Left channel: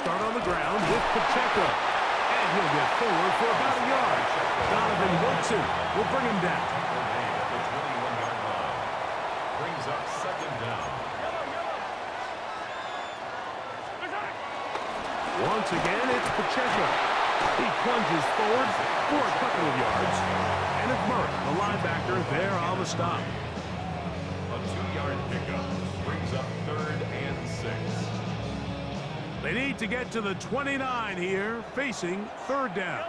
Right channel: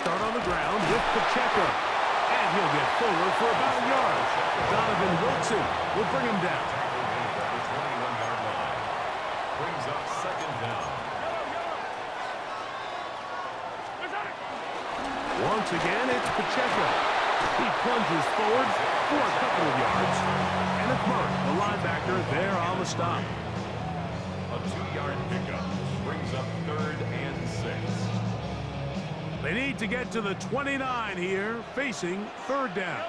start on the ground with Pacheco. And he'll get forward for about a yard. Donovan Wilson will bring him down. Made at the 21-yard line. Brings up second down. Once again, it's Pacheco. He plunges forward for a couple of yards. And it's Murray, the linebacker, there on the stop. A 2-yard pickup brings up 3rd and 6. They need to get to the 29 here, facing 3rd down.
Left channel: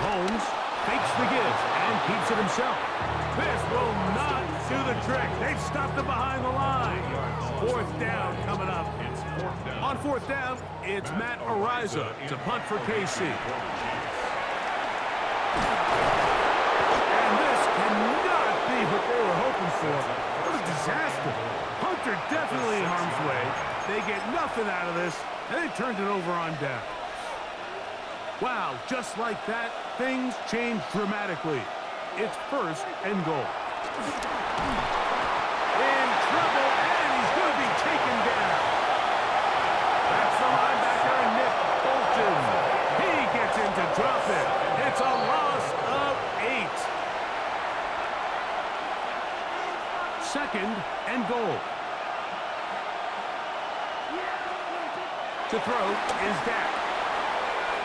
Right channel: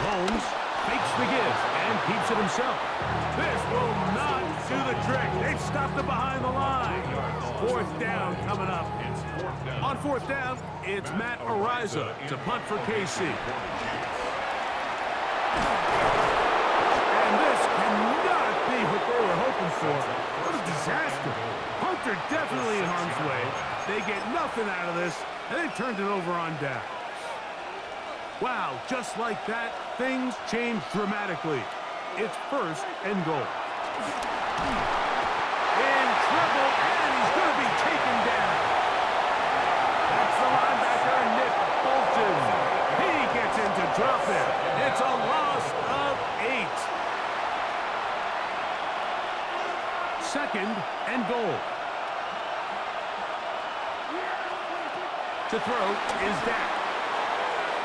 Holmes fakes the give and keeps it himself. This will not do the trick. They've stopped it behind the line. 4th down coming up. On 4th down, it's Matt Ariza to punt for KC. And this cannot be what they were hoping for. What a disaster. Punter definitely in harm's way. They get nothing out of this, and they turned it over on downs. Wow, just like that, things change dramatically. It's 1st and goal. In trouble, and he's going to be taken down. That's the linebacker, Nick Bolton. He gets in to drop it. It's a loss of 8. 2nd and goal. To throw is Dak.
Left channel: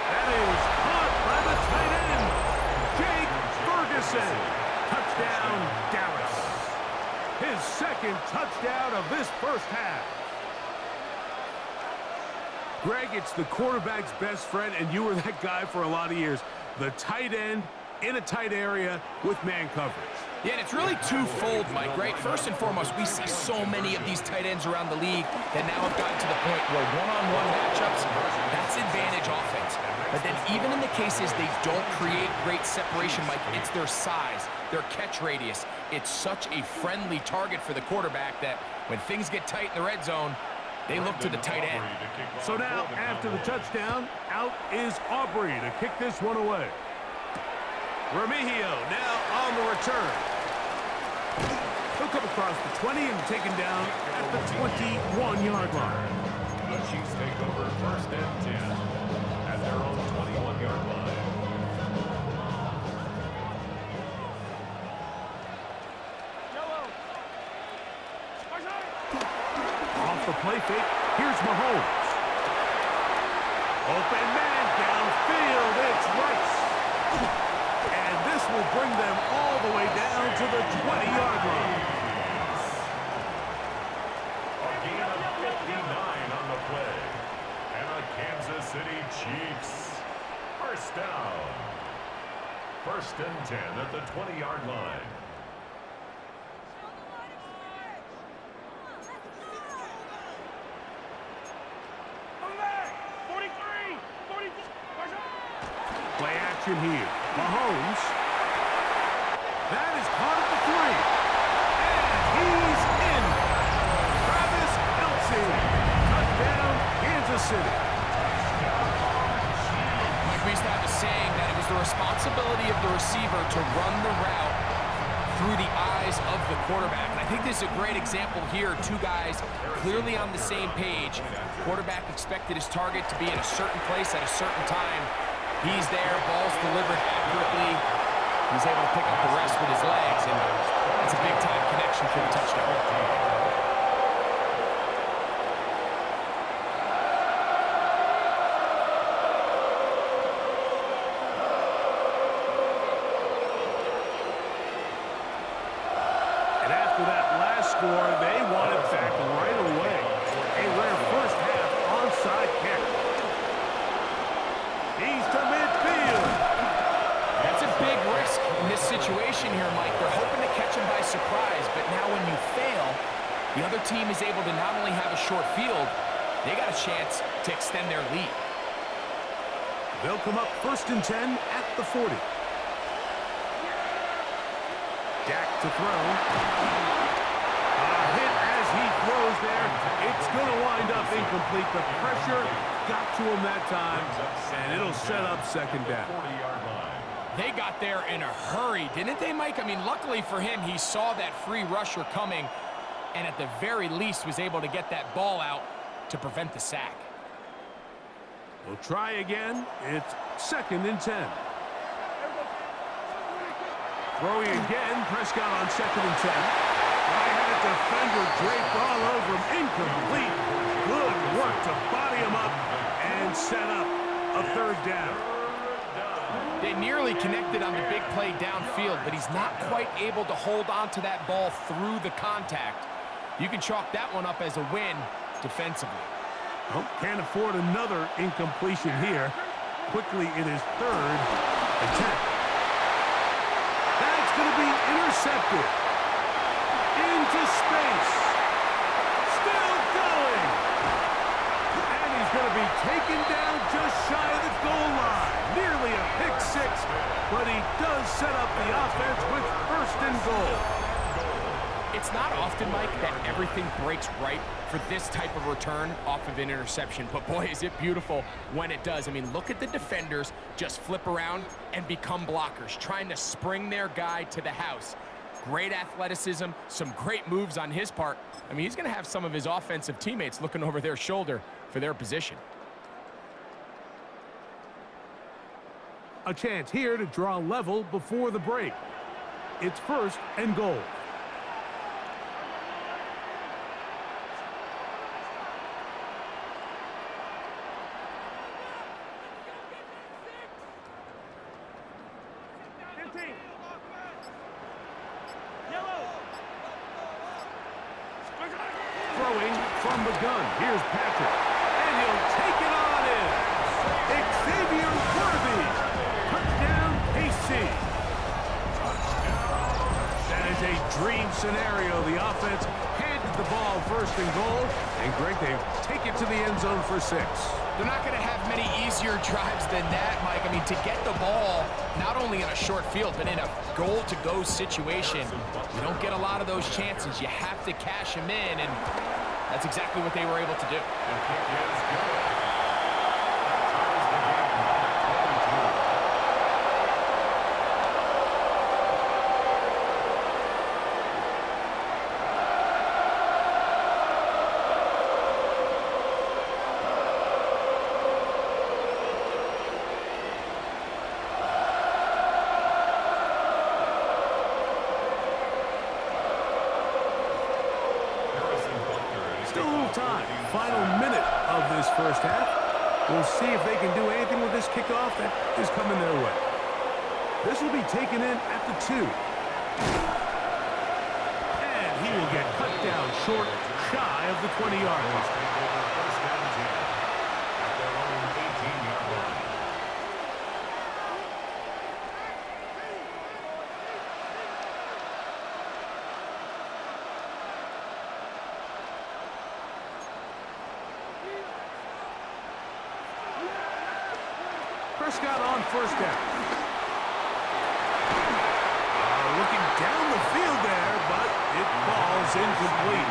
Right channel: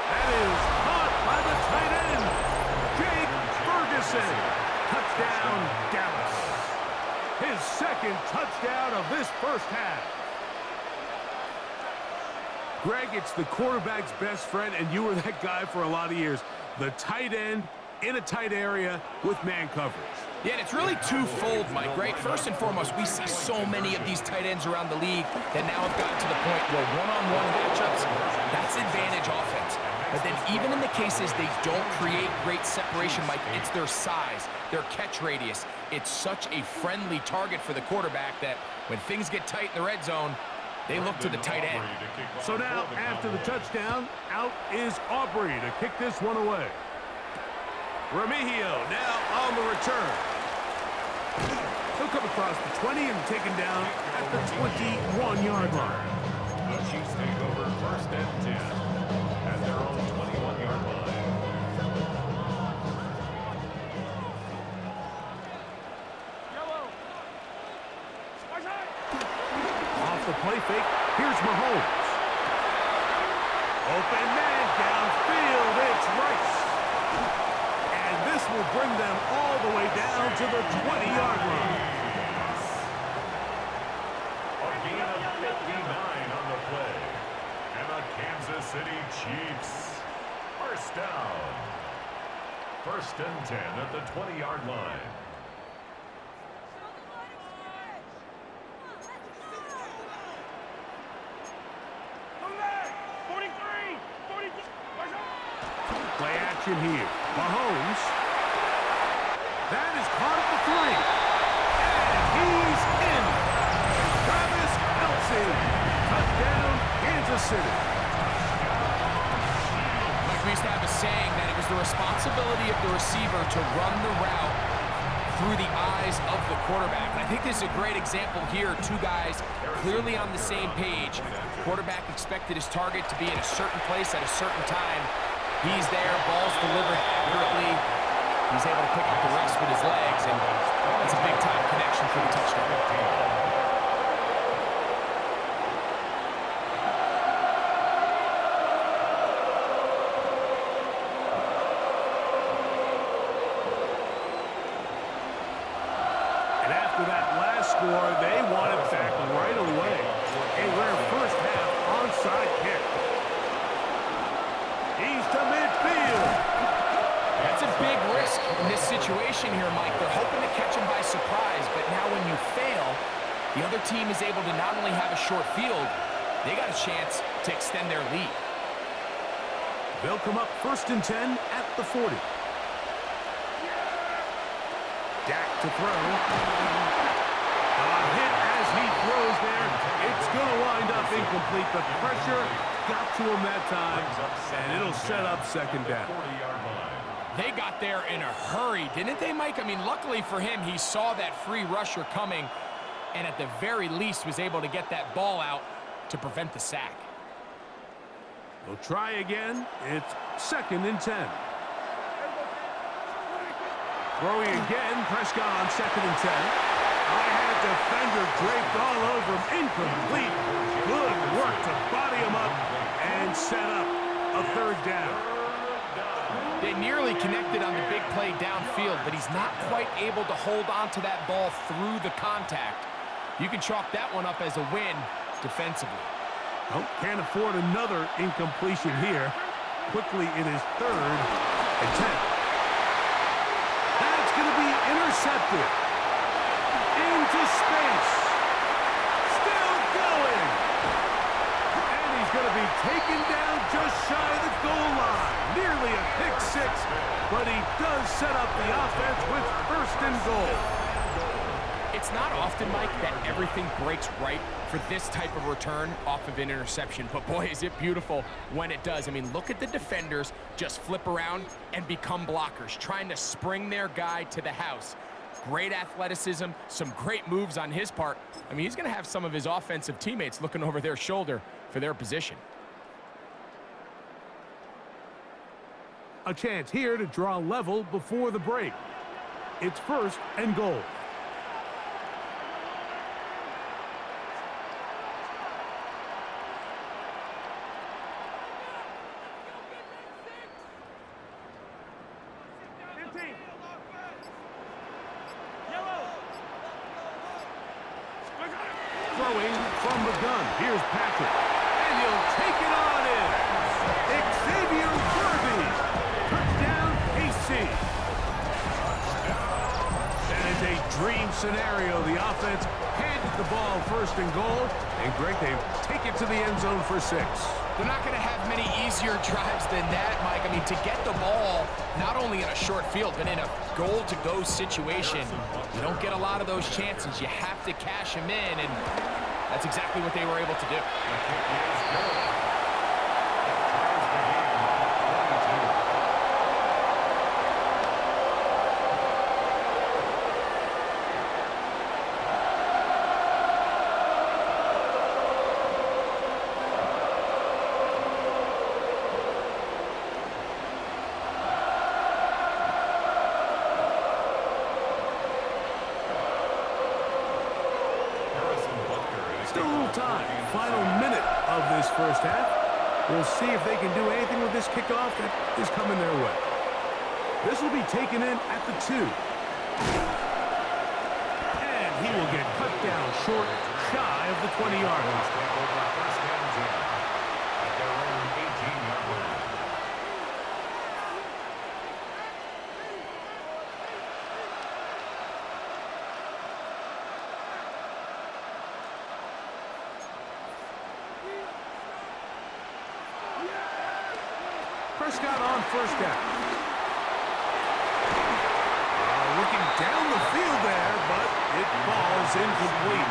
That is caught by the tight end, Jake Ferguson. Touchdown, Dallas. His 2nd touchdown of this first half. Greg, it's the quarterback's best friend, and you were that guy for a lot of years. The tight end in a tight area with man coverage. Yeah, and it's really twofold, Mike, right? First and foremost, we see so many of these tight ends around the league that now have gotten to the point where one-on-one matchups, that's advantage offense. But then even in the cases they don't create great separation, Mike, it's their size, their catch radius. It's such a friendly target for the quarterback that when things get tight in the red zone, they look to the tight end. So now, after the touchdown, out is Aubrey to kick this one away. Remigio now on the return. He'll come across the 20 and taken down at the 21-yard line. The Chiefs take over 1st and 10 at their own 21-yard line. Off the play fake, here's Mahomes. Open man downfield, it's Rice. And this will bring them all the way down to the 20-yard line. A gain of 59 on the play. And the Kansas City Chiefs. 1st down. 1st and 10 at the 20-yard line. Play action here. Mahomes. That is caught at the 3. And he's in. Travis Kelce. Touchdown, Kansas City. Mike, we used to have a saying that it was the responsibility of the receiver to run the route through the eyes of the quarterback. And I think this is a great example here. 2 guys clearly on the same page. Quarterback expected his target to be in a certain place at a certain time. He's there, ball's delivered accurately. He's able to pick up the rest with his legs, and it's a big-time connection for the touchdown. And after that last score, they want it back right away. A rare first half onside kick. He's to midfield. That's a big risk in this situation here, Mike. They're hoping to catch him by surprise, but now when you fail, the other team is able to not only have a short field, they got a chance to extend their lead. They'll come up 1st and 10 at the 40. Dak to throw. A hit as he throws there. It's going to wind up incomplete. The pressure got to him that time, and it'll set up 2nd down. They got there in a hurry, didn't they, Mike? I mean, luckily for him, he saw that free rusher coming, and at the very least was able to get that ball out to prevent the sack. They'll try again. It's 2nd and 10. Throwing again, Prescott on 2nd and 10. I had a defender draped all over him. Incomplete. Good work to body him up and set up a 3rd down. They nearly connected on the big play downfield, but he's not quite able to hold on to that ball through the contact. You can chalk that one up as a win defensively. Oh, can't afford another incompletion here. Quickly, it is 3rd and 10. That's going to be intercepted. Into space. Still going. And he's going to be taken down just shy of the goal line. Nearly a pick 6, but he does set up the offense with 1st and goal. It's not often, Mike, that everything breaks right for this type of return off of an interception, but boy, is it beautiful when it does. I mean, look at the defenders just flip around and become blockers, trying to spring their guy to the house. Great athleticism, some great moves on his part. I mean, he's going to have some of his offensive teammates looking over their shoulder for their position. A chance here to draw level before the break. It's 1st and goal. Throwing from the gun. Here's Patrick. And he'll take it on in. Xavier Worthy. Touchdown, KC. That is a dream scenario. The offense handed the ball 1st and goal. And Greg, they take it to the end zone for 6. They're not going to have many easier drives than that, Mike. I mean, to get the ball, not only in a short field, but in a goal-to-go situation, you don't get a lot of those chances. You have to cash them in, and that's exactly what they were able to do. The kick is good. That ties the game at 22. Still a little time. Final minute of this 1st half. We'll see if they can do anything with this kickoff that is coming their way. This will be taken in at the 2. And he will get cut down short, shy of the 20-yard line. Take over 1st and 10 at their own 18-yard line. Prescott on 1st down. Looking down the field there, but it falls incomplete.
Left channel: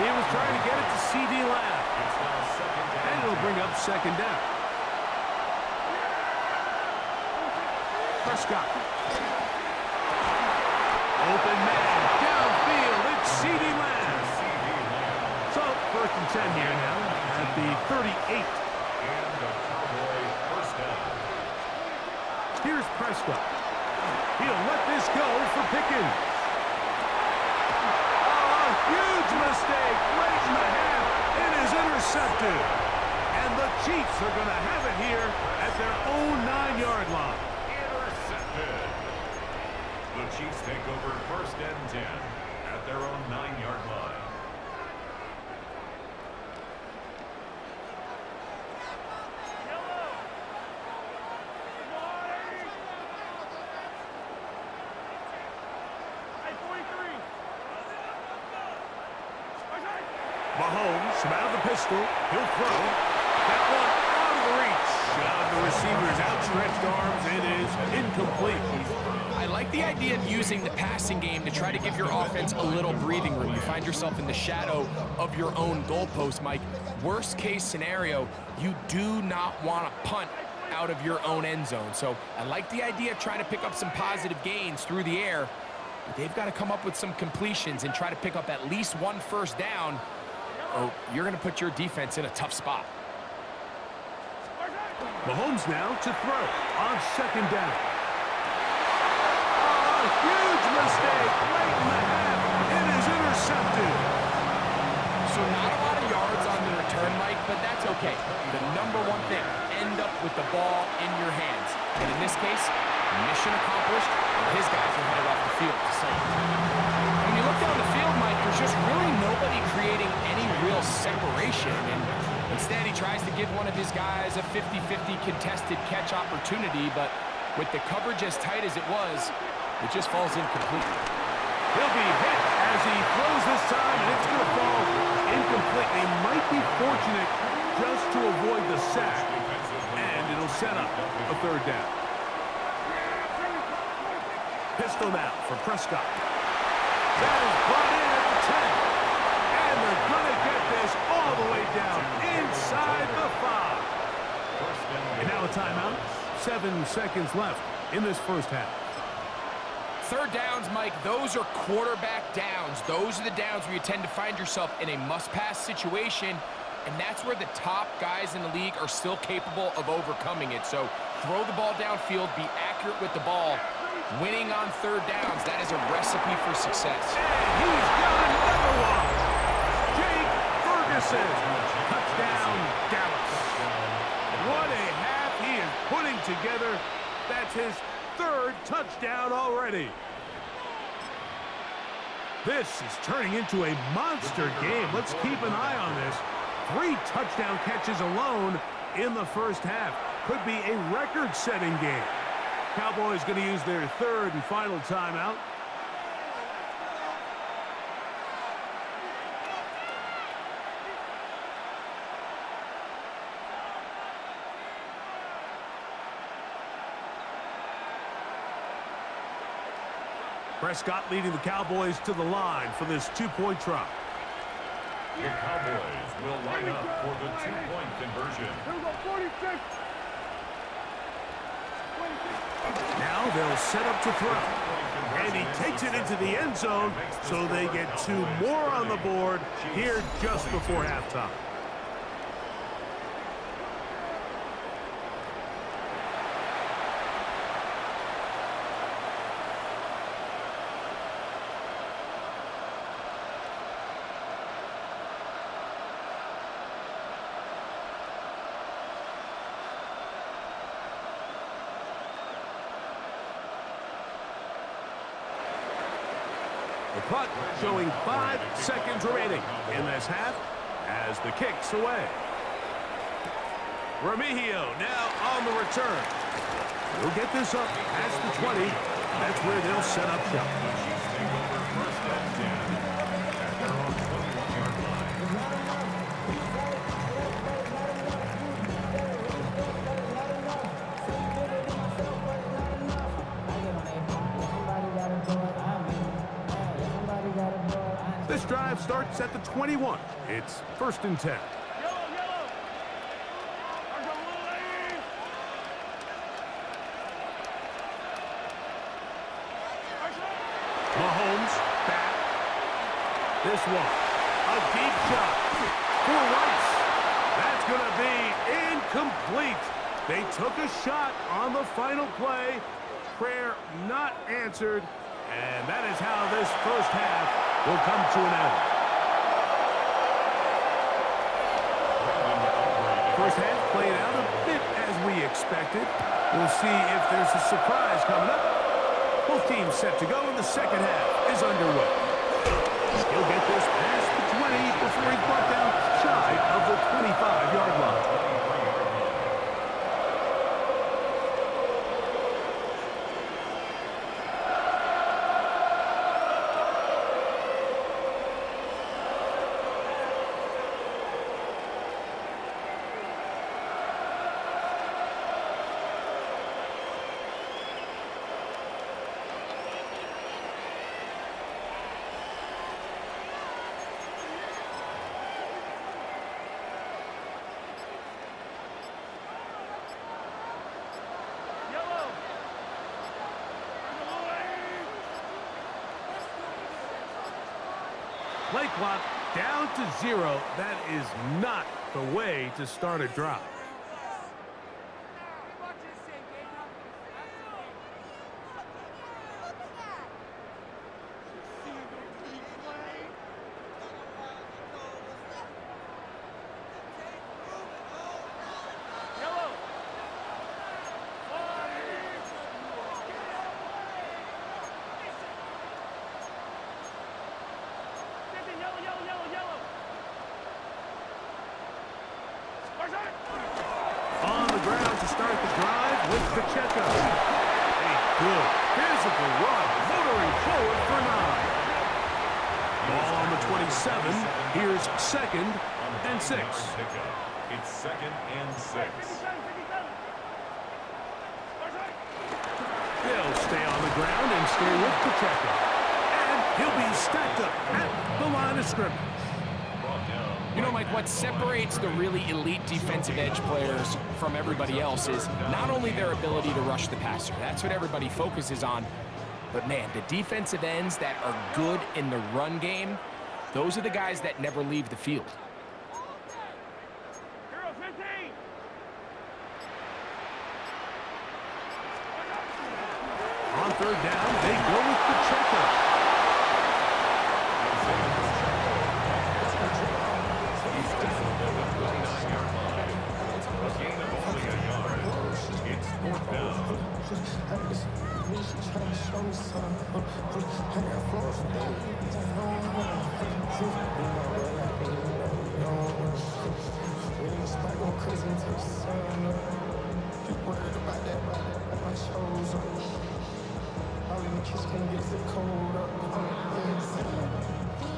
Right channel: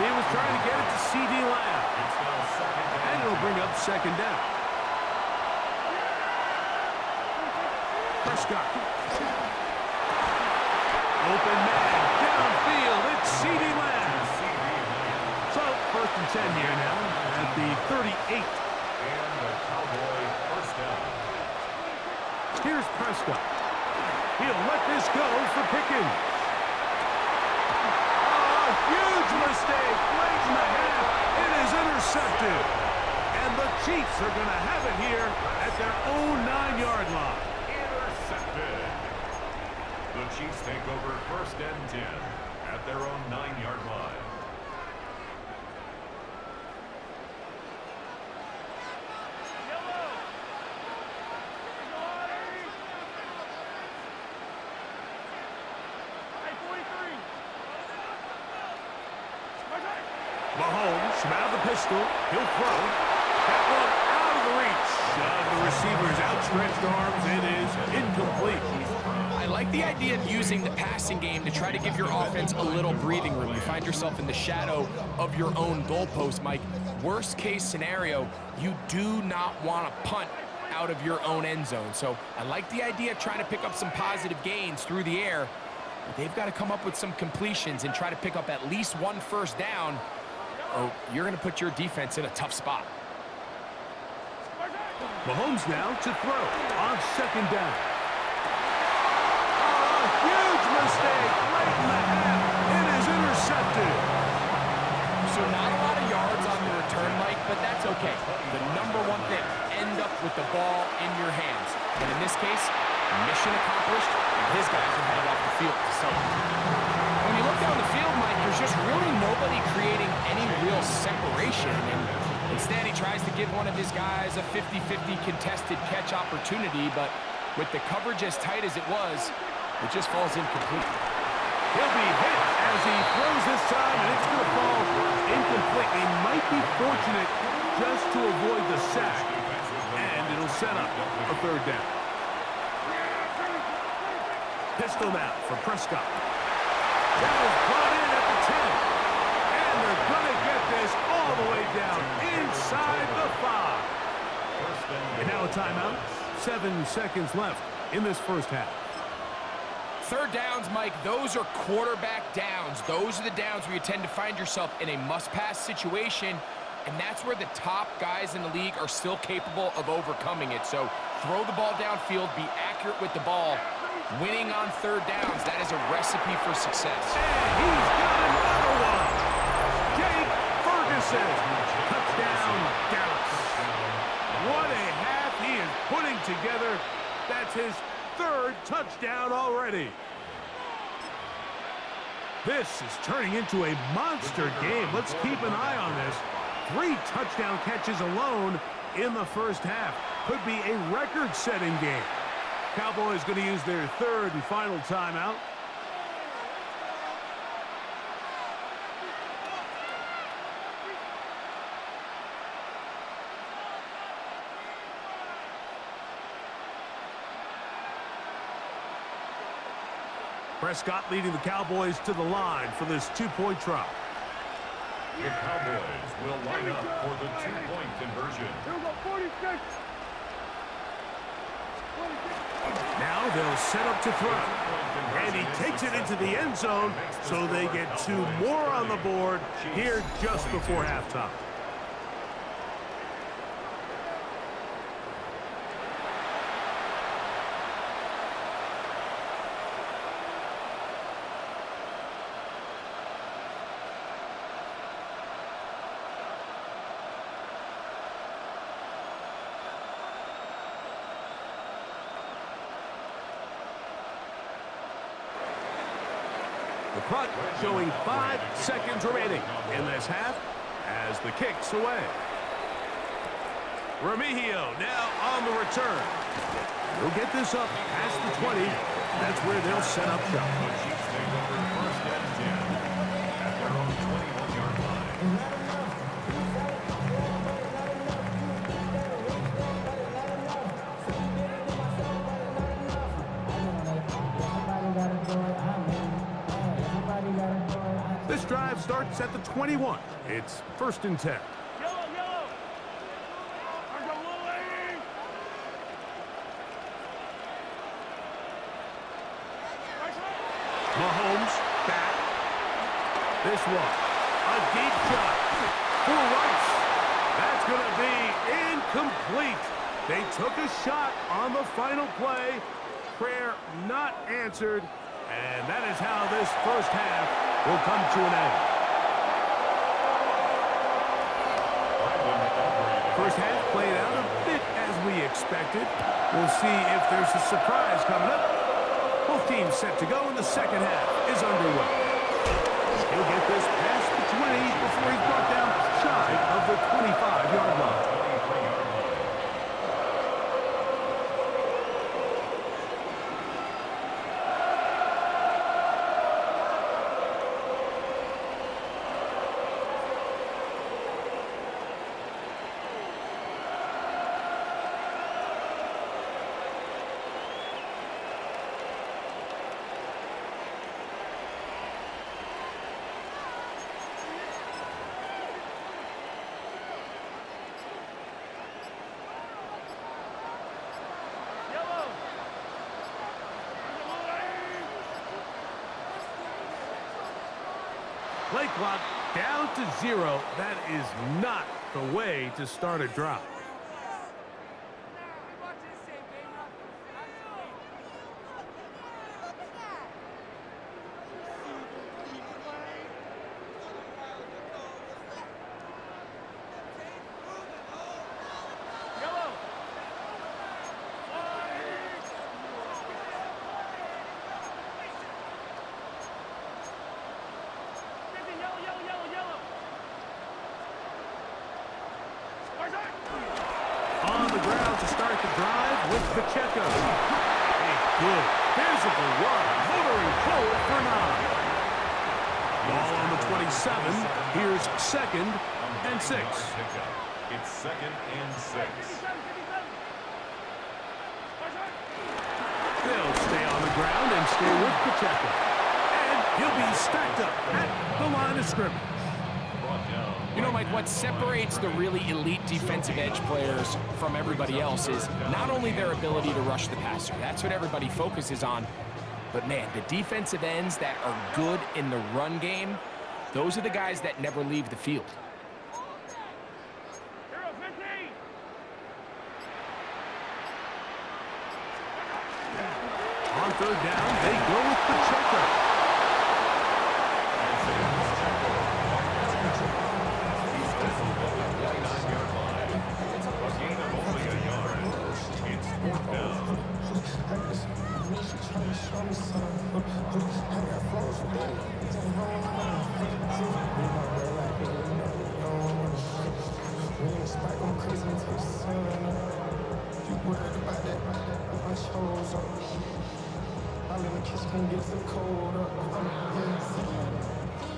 He was trying to get it to C.D. Lamb. It's now 2nd down. And it'll bring up 2nd down. Prescott. Open man, downfield, it's C.D. Lamb. So, 1st and 10 here now at the 38. And the Cowboy 1st down. Here's Prescott. He'll let this go for Pickens. Oh, a huge mistake late in the half. It is intercepted. And the Chiefs are going to have it here at their own 9-yard line. Intercepted. The Chiefs take over 1st and 10 at their own 9-yard line. Mahomes out of the pistol. He'll throw. That one out of the reach of the receiver's outstretched arms. It is incomplete. I like the idea of using the passing game to try to give your offense a little breathing room. You find yourself in the shadow of your own goalpost, Mike. Worst case scenario, you do not want to punt out of your own end zone. So I like the idea of trying to pick up some positive gains through the air But they've got to come up with some completions and try to pick up at least one first down, or you're going to put your defense in a tough spot. Mahomes now to throw on second down. Oh, a huge mistake late in the half. It is intercepted. So not a lot of yards on the return, Mike, but that's okay. The number one thing, end up with the ball in your hands. And in this case, mission accomplished, and his guys are headed off the field to celebrate. When you look down the field, Mike, there's just really nobody creating any real separation, and instead he tries to give one of his guys a 50-50 contested catch opportunity, but with the coverage as tight as it was, it just falls incomplete. He'll be hit as he throws this time, and it's going to fall incomplete. They might be fortunate just to avoid the sack, and it'll set up a third down. Pistol now for Prescott. That is brought in at the 10. And they're going to get this all the way down inside the 5. And now a timeout. 7 seconds left in this first half. Third downs, Mike, those are quarterback downs. Those are the downs where you tend to find yourself in a must-pass situation, and that's where the top guys in the league are still capable of overcoming it. So throw the ball downfield, be accurate with the ball. Winning on third downs, that is a recipe for success. And he's got another one. Jake Ferguson. Touchdown, Dallas. What a half he is putting together. That's his third touchdown already. This is turning into a monster game. Let's keep an eye on this. 3 touchdown catches alone in the first half. Could be a record-setting game. Cowboys going to use their third and final timeout. Prescott leading the Cowboys to the line for this 2-point try. The Cowboys will line up for the 2-point conversion. Here we go, 46. Now they'll set up to throw. And he takes it into the end zone, so they get 2 more on the board here just before halftime. The clock showing 5 seconds remaining in this half as the kick's away. Remigio now on the return. He'll get this up past the 20. That's where they'll set up shop. The Chiefs take over first and 10 at their own 21-yard line. This drive starts at the 21. It's first and 10. Yellow. Mahomes back. This one, a deep shot for Rice. That's going to be incomplete. They took a shot on the final play. Prayer not answered. And that is how this first half will come to an end. First half played out a bit as we expected. We'll see if there's a surprise coming up. Both teams set to go, and the second half is underway. He'll get this past the 20 before he's brought down shy of the 25-yard line. Play clock down to 0. That is not the way to start a drive. On the ground to start the drive with Pacheco. A good physical run, motoring forward for 9. Ball on the 27. Here's 2nd and 6. It's 2nd and 6. They'll stay on the ground and stay with Pacheco. And he'll be stacked up at the line of scrimmage. You know, Mike, what separates the really elite defensive edge players from everybody else is not only their ability to rush the passer. That's what everybody focuses on. But, man, the defensive ends that are good in the run game, those are the guys that never leave the field. On 3rd down, they go with Pacheco. He's tackled at the 29-yard line. A gain of only a yard. It's 4th down.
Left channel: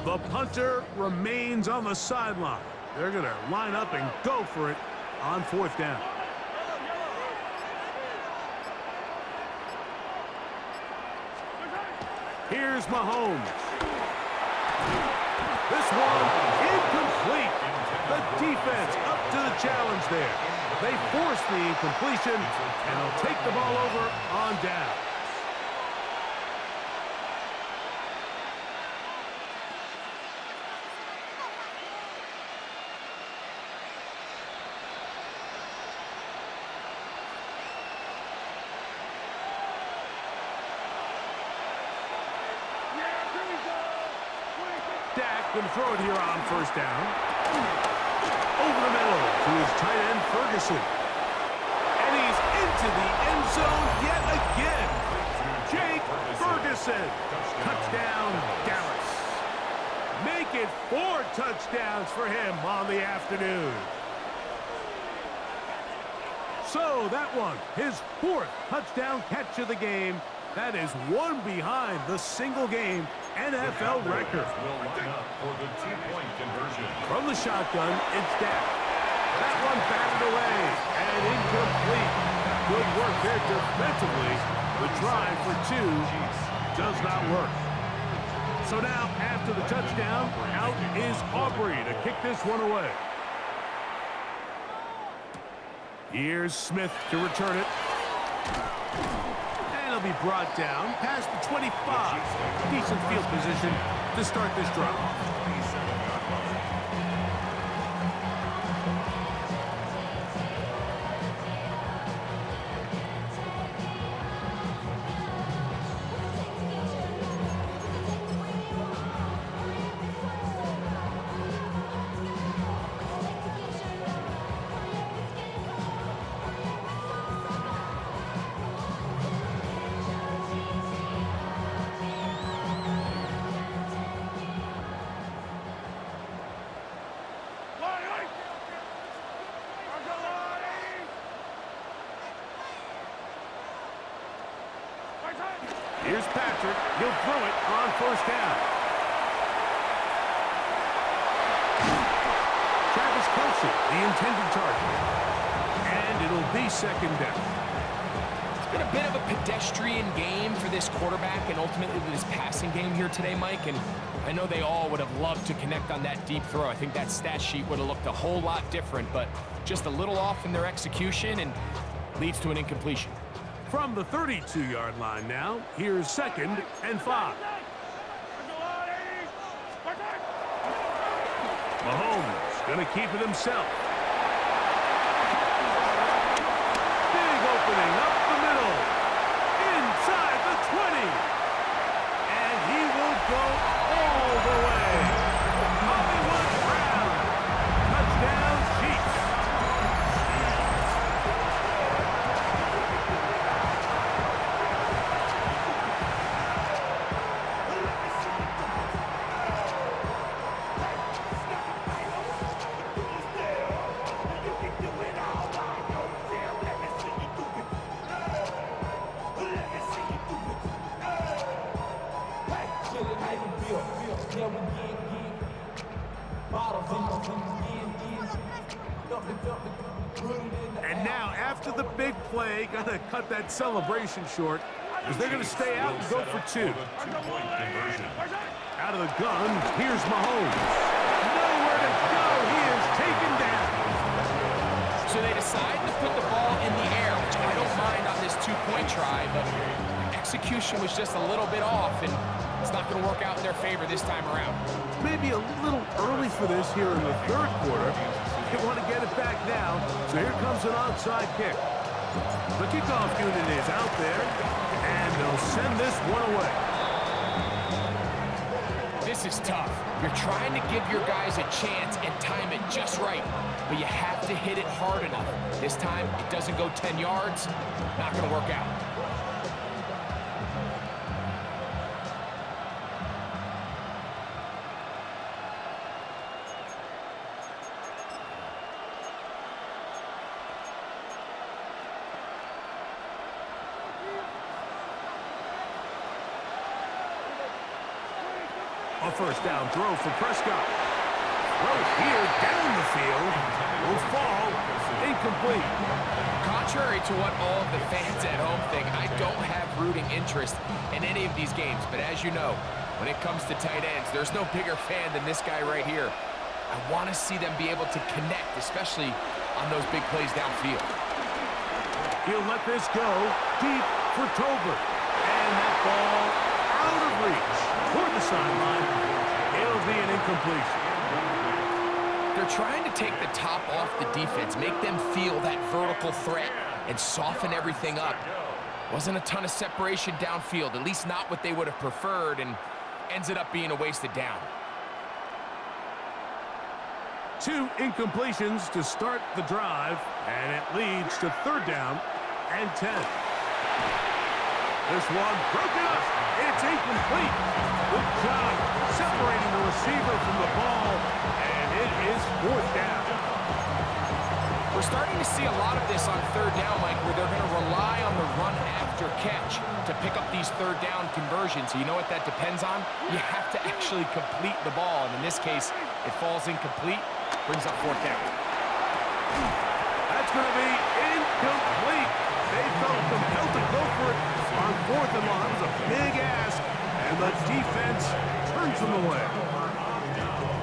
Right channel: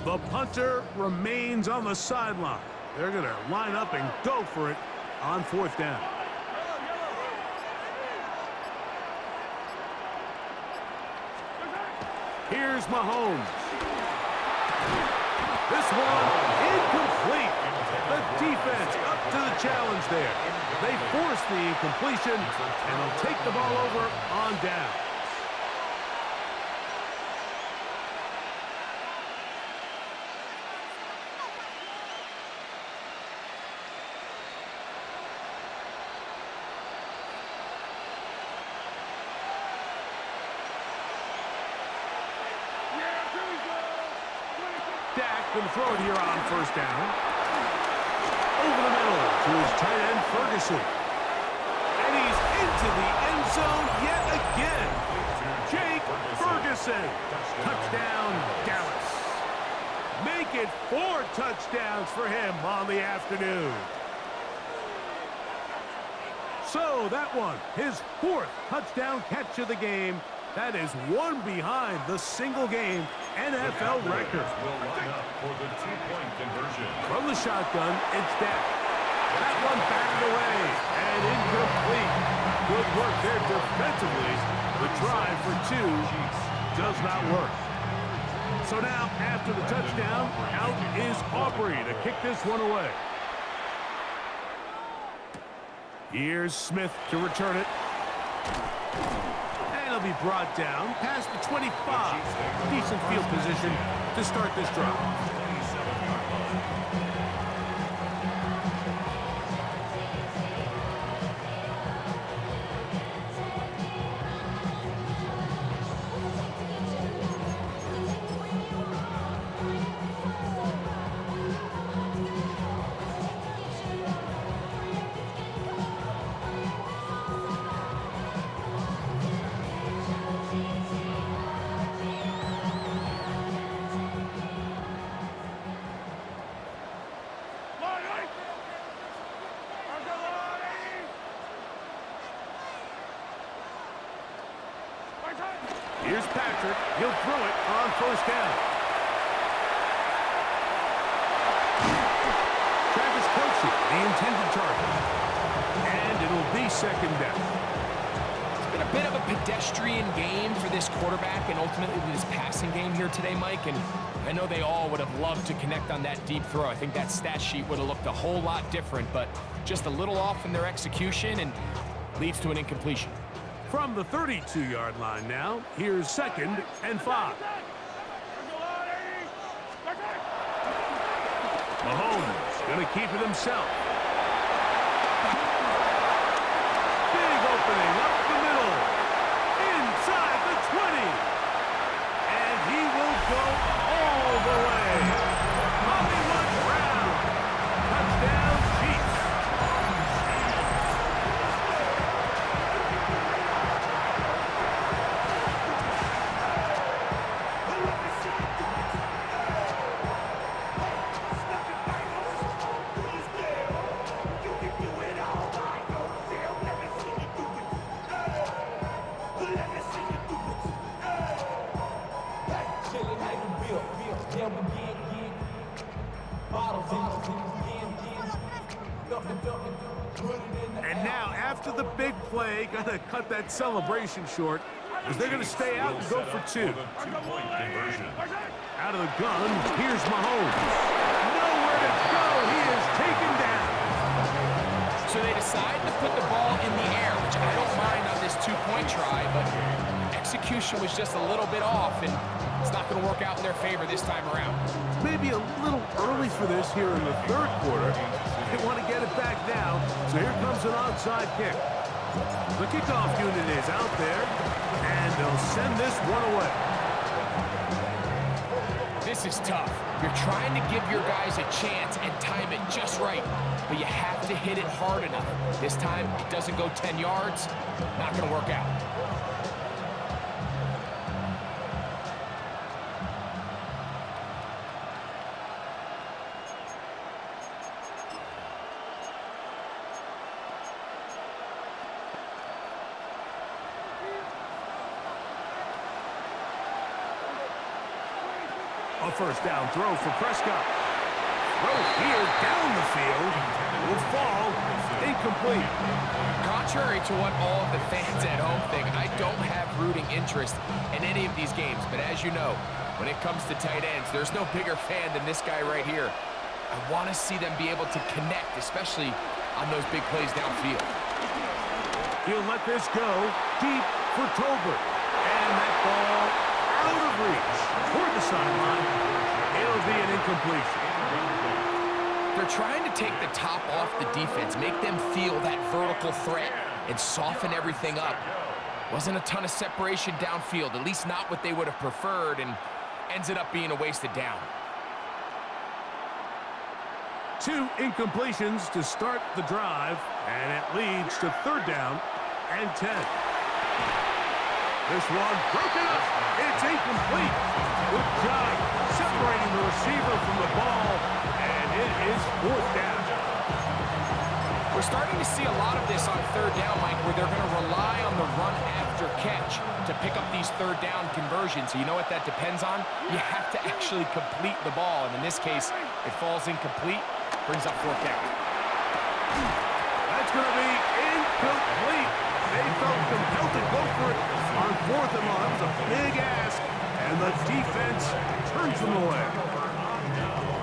The punter remains on the sideline. They're going to line up and go for it on 4th down. Here's Mahomes. This one incomplete. The defense up to the challenge there. They force the incompletion, and they'll take the ball over on down. Dak can throw it here on 1st down. Over the middle to his tight end, Ferguson. And he's into the end zone yet again. Jake Ferguson. Touchdown, Dallas. Make it 4 touchdowns for him on the afternoon. So that one, his 4th touchdown catch of the game. That is one behind the single-game NFL record. Will line up for the 2-point conversion. From the shotgun, it's Dak. That one batted away and incomplete. Good work there defensively. The drive for 2 does not work. So now, after the touchdown, out is Aubrey to kick this one away. Here's Smith to return it. And he'll be brought down past the 25. Decent field position to start this drive. 27-yard line. Here's Patrick. He'll throw it on 1st down. Travis Kelce, the intended target. And it'll be 2nd down. It's been a bit of a pedestrian game for this quarterback and ultimately this passing game here today, Mike. And I know they all would have loved to connect on that deep throw. I think that stat sheet would have looked a whole lot different, but just a little off in their execution and leads to an incompletion. From the 32-yard line now, here's 2nd and 5. Mahomes going to keep it himself. Big opening up the middle. Inside the 20. And he will go all the way. Hollywood Brown. Touchdown, Chiefs. And now, after the big play, gonna cut that celebration short, as they're gonna stay out and go for two. Out of the gun, here's Mahomes. Nowhere to go, he is taken down. So they decide to put the ball in the air, which I don't mind on this two-point try, but execution was just a little bit off, and it's not going to work out in their favor this time around. Maybe a little early for this here in the third quarter. They want to get it back now, so here comes an onside kick. The kickoff unit is out there, and they'll send this one away. This is tough. You're trying to give your guys a chance and time it just right, but you have to hit it hard enough. This time, it doesn't go 10 yards. Not going to work out. A first down throw for Prescott. Throw here down the field. Will fall incomplete. Contrary to what all of the fans at home think, I don't have rooting interest in any of these games. But as you know, when it comes to tight ends, there's no bigger fan than this guy right here. I want to see them be able to connect, especially on those big plays downfield. He'll let this go deep for Tolbert. And that ball out of reach toward the sideline. It'll be an incompletion. They're trying to take the top off the defense, make them feel that vertical threat, and soften everything up. Wasn't a ton of separation downfield, at least not what they would have preferred, and ends it up being a wasted down. 2 incompletions to start the drive, and it leads to third down and 10. This one broken up. It's incomplete. Good job separating the receiver from the ball, and it is fourth down. We're starting to see a lot of this on third down, Mike, where they're going to rely on the run after catch to pick up these third down conversions. So you know what that depends on? You have to actually complete the ball, and in this case, it falls incomplete, brings up fourth down. That's going to be incomplete. They felt compelled to go for it on fourth and long. That was a big ask, and the defense turns them away.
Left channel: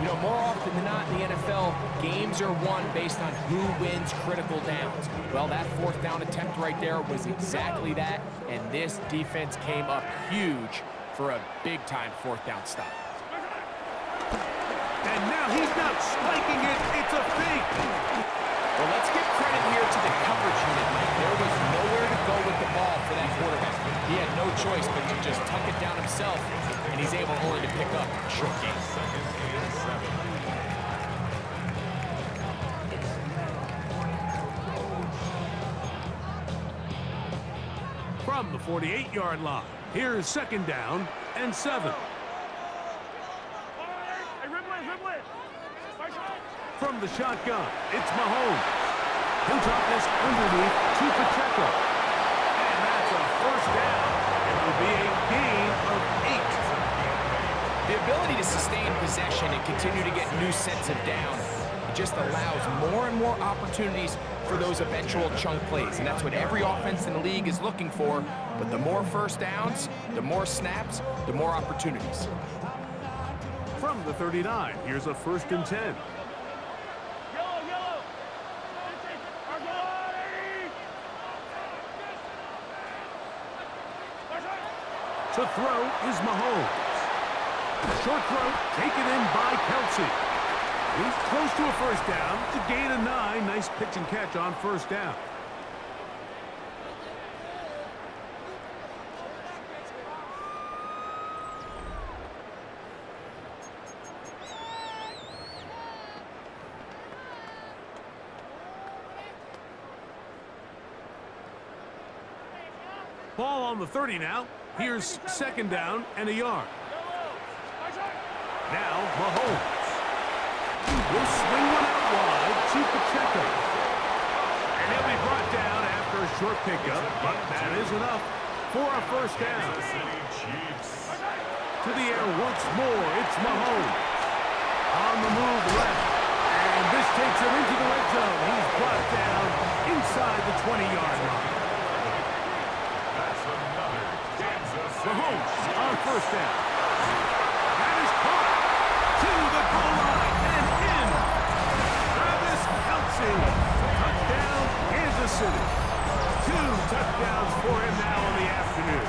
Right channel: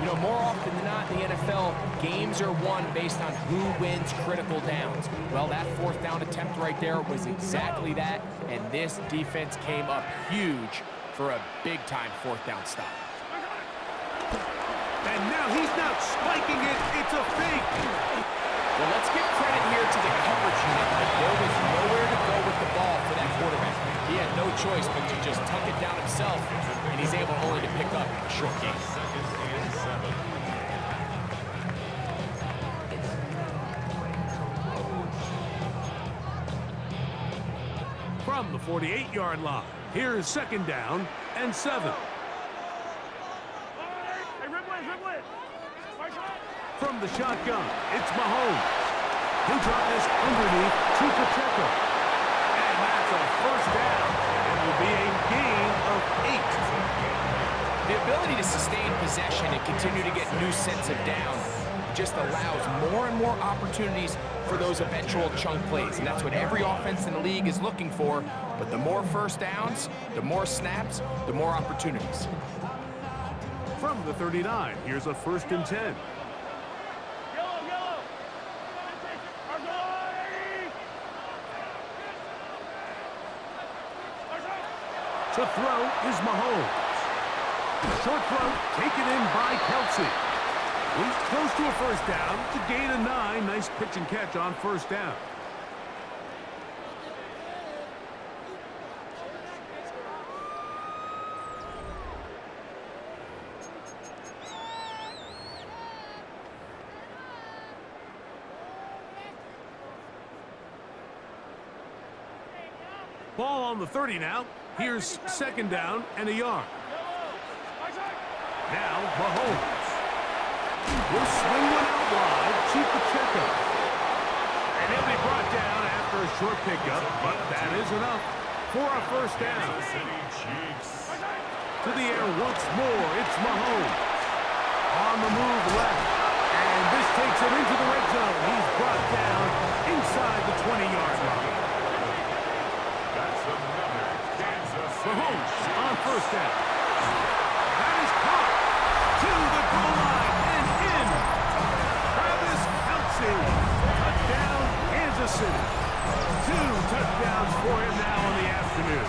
You know, more often than not in the NFL, games are won based on who wins critical downs. Well, that fourth down attempt right there was exactly that, and this defense came up huge for a big-time fourth down stop. And now he's not spiking it. It's a fake. Well, let's give credit here to the coverage unit, Mike. There was nowhere to go with the ball for that quarterback. He had no choice but to just tuck it down himself, and he's able only to pick up a short gain. Second and 7. From the 48-yard line, here's second down and 7. From the shotgun, it's Mahomes. He'll drop this underneath to Pacheco. And that's a first down. It will be a gain of 8. The ability to sustain possession and continue to get new sets of down just allows more and more opportunities for those eventual chunk plays. And that's what every offense in the league is looking for. But the more first downs, the more snaps, the more opportunities. From the 39, here's a first and 10. To throw is Mahomes. Short throw taken in by Kelsey. He's close to a first down. It's a gain of 9. Nice pitch and catch on first down. Ball on the 30 now. Here's second down and a yard. Now Mahomes. Will swing one out wide. Pacheco. And he'll be brought down after a short pickup, but that is enough for a first down. To the air once more. It's Mahomes. On the move left. And this takes him into the red zone. He's brought down inside the 20-yard line. Mahomes on first down. That is caught to the goal line and in. Travis Kelce. Touchdown, Kansas City. 2 touchdowns for him now in the afternoon.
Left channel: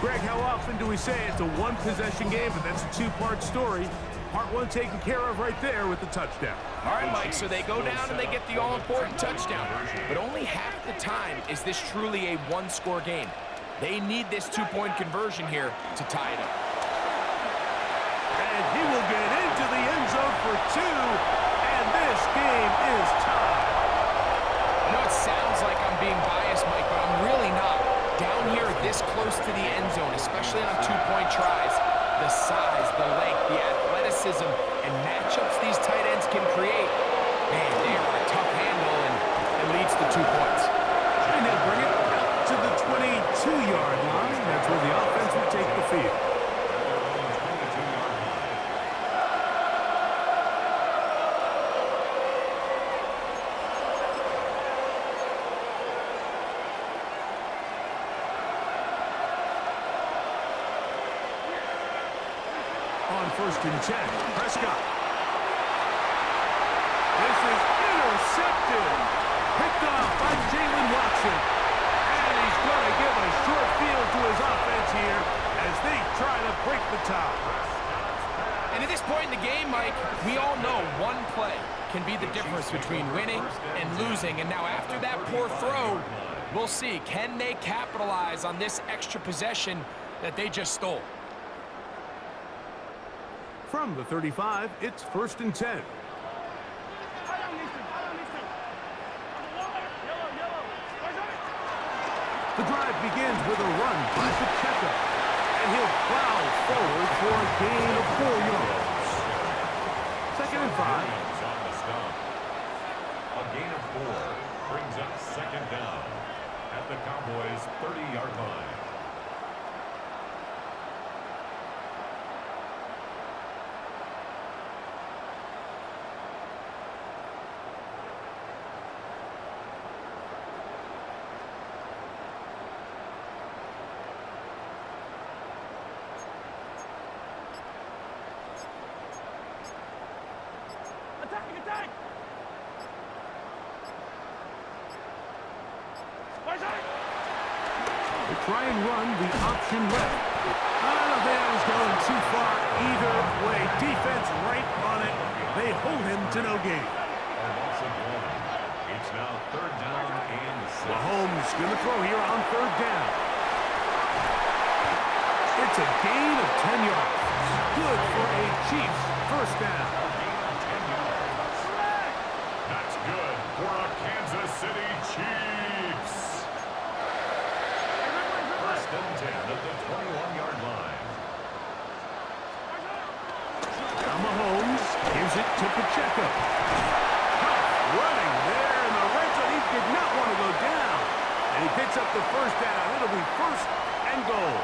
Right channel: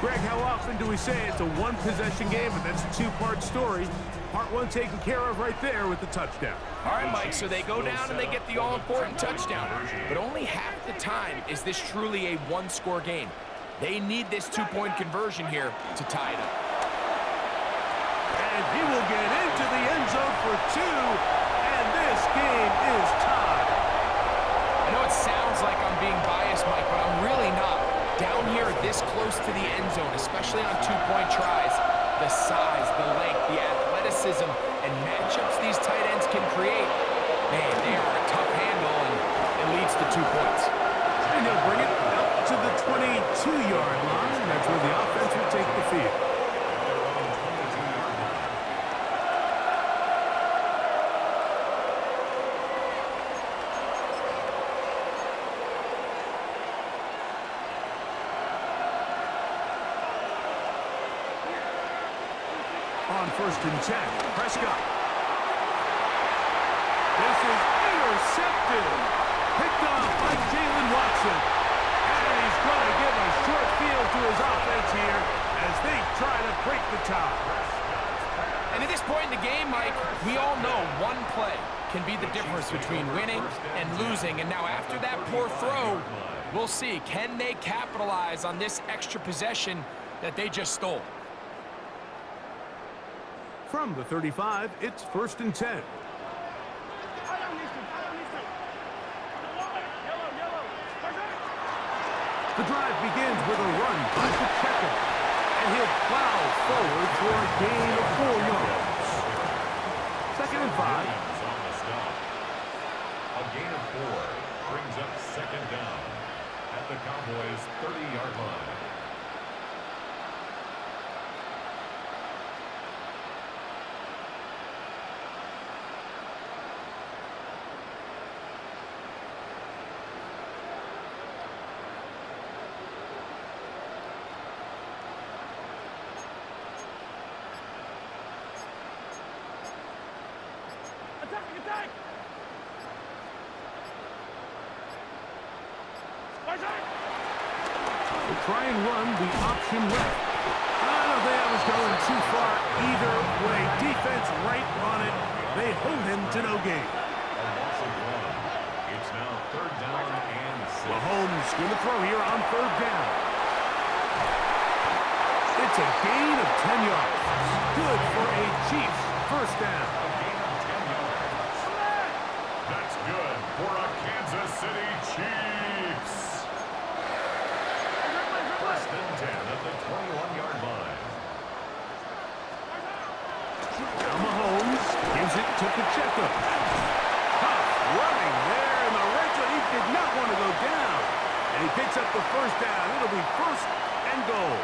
Greg, how often do we say it's a one-possession game, but that's a two-part story? Part one taken care of right there with the touchdown. All right, Mike, so they go down and they get the all-important touchdown. But only half the time is this truly a one-score game. They need this two-point conversion here to tie it up. And he will get into the end zone for 2, and this game is tied. I know it sounds like I'm being biased, Mike, but I'm really not. Down here this close to the end zone, especially on two-point tries, the size, the length, the athleticism, and matchups these tight ends can create, man, they are a tough handle, and it leads to 2 points. And he'll bring it out to the 22-yard line. That's where the offense will take the field. On first and 10, Prescott. This is intercepted. Picked off by Jalen Watson. And he's going to give a short field to his offense here as they try to break the tie. And at this point in the game, Mike, we all know one play can be the difference between winning and losing. And now after that poor throw, we'll see, can they capitalize on this extra possession that they just stole? From the 35, it's first and 10. The drive begins with a run by Pacheco, and he'll plow forward for a gain of 4 yards. Second and 5. A gain of 4 brings up second down at the Cowboys' 30-yard line. Attack! They try and run the option left. I don't think I was going too far either way. Defense right on it. They hold him to no gain. A loss of 1. It's now third down and 6. Mahomes going to throw here on third down. It's a gain of 10 yards. Good for a Chiefs first down. A gain of 10 yards. That's good for a Kansas City Chiefs. First and 10 at the 21-yard line. Now Mahomes gives it to Pacheco. Tough running there in the red zone. He did not want to go down. And he picks up the first down. It'll be first and goal.